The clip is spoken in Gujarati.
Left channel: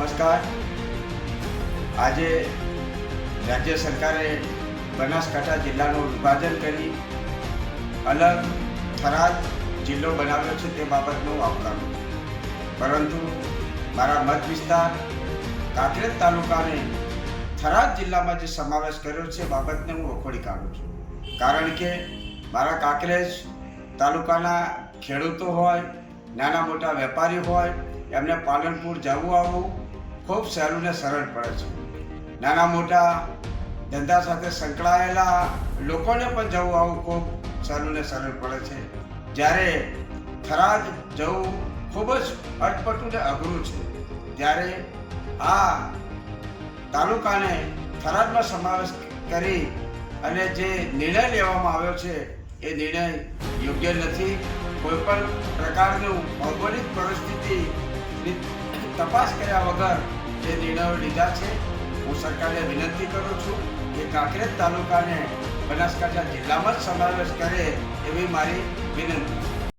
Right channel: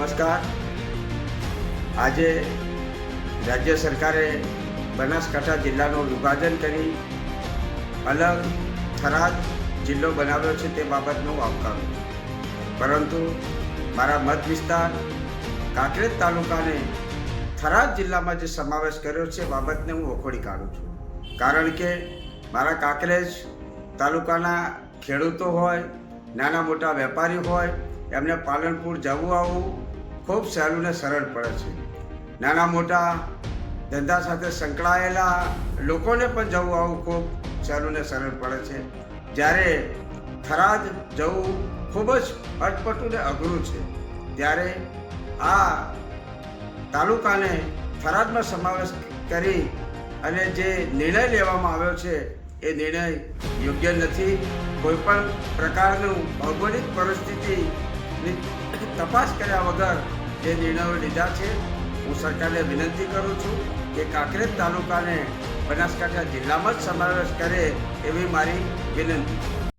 નમસ્કાર. આજે રાજ્ય સરકારે બનાસકાંઠા જિલ્લાનું વિભાજન કરી અલગ થરાદ જિલ્લો બનાવ્યો છે તે બાબતનું આવકારું, પરંતુ મારા મત વિસ્તાર કાંકરેજ તાલુકાને થરાદ જિલ્લામાં જે સમાવેશ કર્યો છે બાબતને હું વખોડી કાઢું છું. કારણ કે મારા કાંકરેજ તાલુકાના ખેડૂતો હોય, નાના મોટા વેપારી હોય, એમને પાલનપુર જવું આવવું ખૂબ સહેલું ને સરળ પડે છે. નાના મોટા ધંધા સાથે સંકળાયેલા લોકોને પણ જવું આવવું ખૂબ સહેલું ને સરળ પડે છે. જ્યારે થરાદ જવું ખૂબ જ અટપટું ને અઘરું છે, ત્યારે આ તાલુકાને થરાદમાં સમાવેશ કરી અને જે નિર્ણય લેવામાં આવ્યો છે એ નિર્ણય યોગ્ય નથી. કોઈપણ પ્રકારનું ભૌગોલિક પરિસ્થિતિની તપાસ કર્યા વગર જે નિર્ણયો લીધા છે. હું સરકારને વિનંતી કરું છું કે કાંકરેજ તાલુકાને બનાસકાંઠા જિલ્લામાં જ સમાવેશ કરે એવી મારી વિનંતી.